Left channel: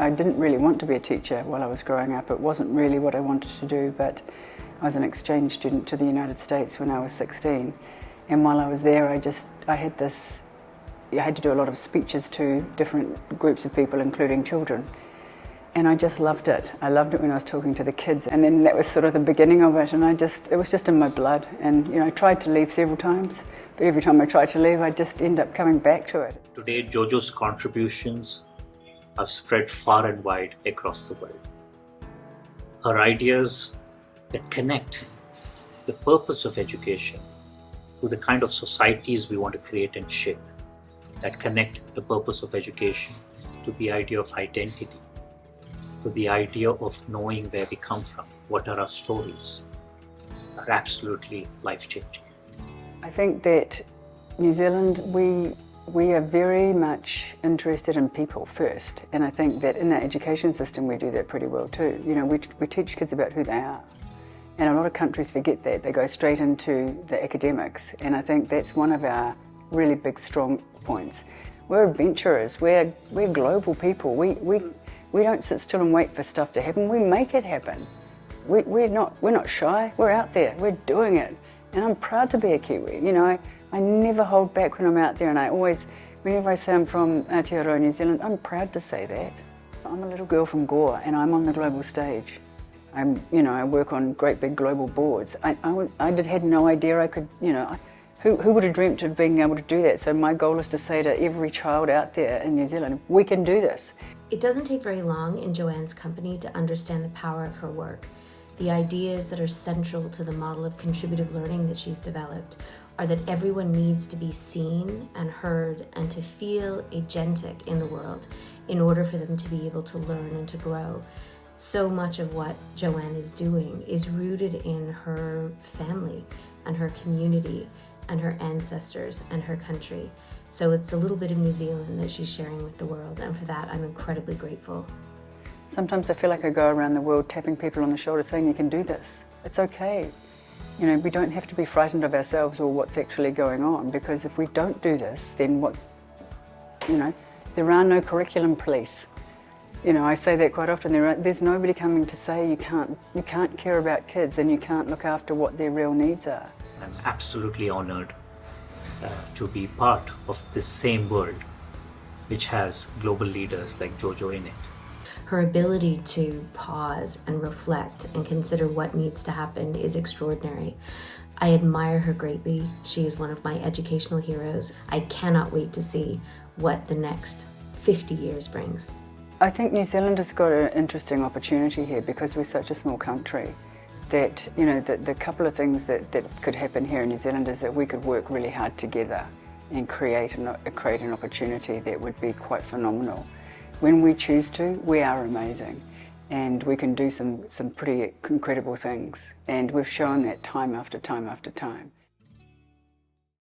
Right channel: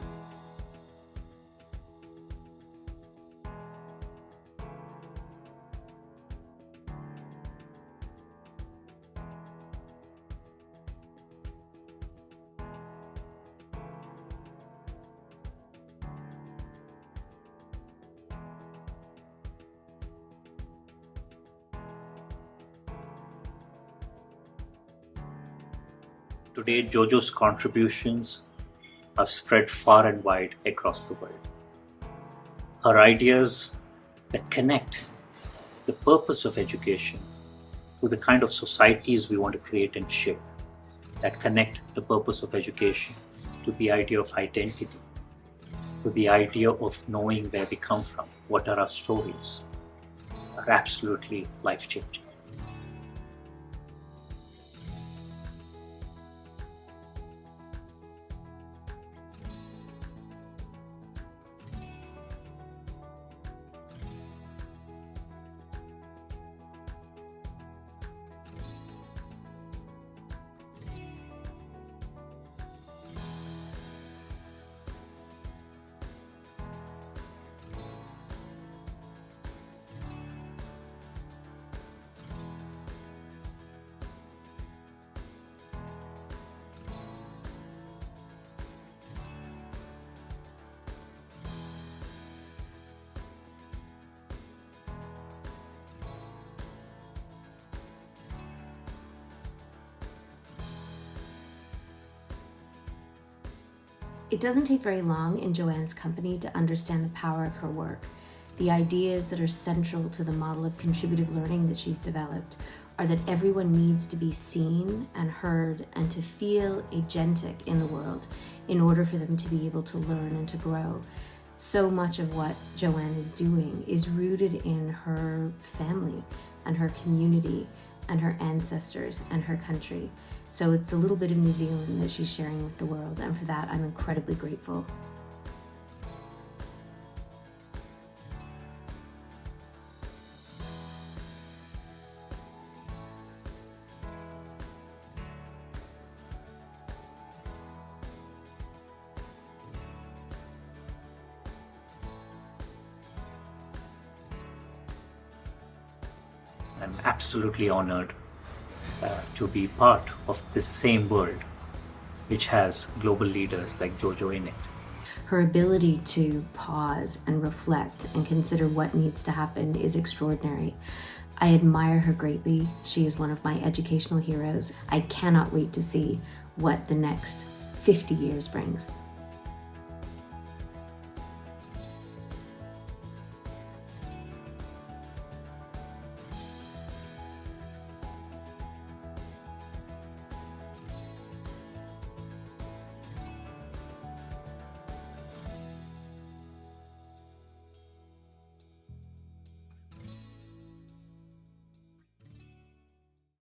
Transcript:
I didn't really want to be a teacher while I was growing up. It wasn't really what I wanted to do, but I was an exchange student to the United States when I was 16. And while I was there, I had to do a lot of speeches to different groups of people, including children. And I just loved it. I loved it when I was talking to the kids. And then that was sort of the beginning of it. And it was just in my blood. And I tried to leave several times, but every time I tried to leave, I just end up coming back to it. Today, Jojo's contributions have spread far and wide across the world. Her ideas that connect the purpose of education to the kind of societies we want to create and shape, that connect the purpose of education to the idea of identity, to the idea of knowing where we come from, what are our stories, are absolutely life-changing. I think that New Zealand, we are very much interested in people first, and I think that in our education system we do that pretty well too. We teach kids about who they are, and a lot of countries forget that. They go straight into the academics, and I think that's one of our really big strong points. We're adventurers, we're global people. We don't sit still and wait for stuff to happen, we make it happen. We're not shy, we're out there, we're doing it. And I'm proud to be a Kiwi. I never hold back when I'm out there, and I always, whenever I say I'm from Aotearoa, New Zealand, I'm proud to say that. I'm a little girl from Goa, and I'm on the global stage. I work on great big global boards. I had no idea I could, who would have dreamt of being able to do that? So my goal is to say to every child out there in New Zealand, we can do this. It doesn't take very long in Joanne's company to understand the power of her work. The ideas that are central to the model of contributive learning that she's developed are that everyone needs to be seen and heard and to feel agentic in the world in order for them to be able to learn and to grow. So much of what Joanne is doing is rooted in her family and her community and her ancestors and her country. So it's a little bit of New Zealand that she's sharing with the world, and for that I'm incredibly grateful. Sometimes I feel like I go around the world tapping people on the shoulder saying, you can do this, it's okay. We don't have to be frightened of ourselves or what's actually going on, because if we don't do this, then there are no curriculum police. I say that quite often, there's nobody coming to say you can't care about kids and you can't look after what their real needs are. I'm absolutely honored to be part of this same world which has global leaders like Jojo in it. Her ability to pause and reflect and consider what needs to happen is extraordinary. I admire her greatly. She is one of my educational heroes. I cannot wait to see what the next 50 years brings. I think New Zealand has got an interesting opportunity here because we're such a small country that, the couple of things that could happen here in New Zealand is that we could work really hard together and create an opportunity that would be quite phenomenal. When we choose to, we are amazing, and we can do some pretty incredible things, and we've shown that time after time after time.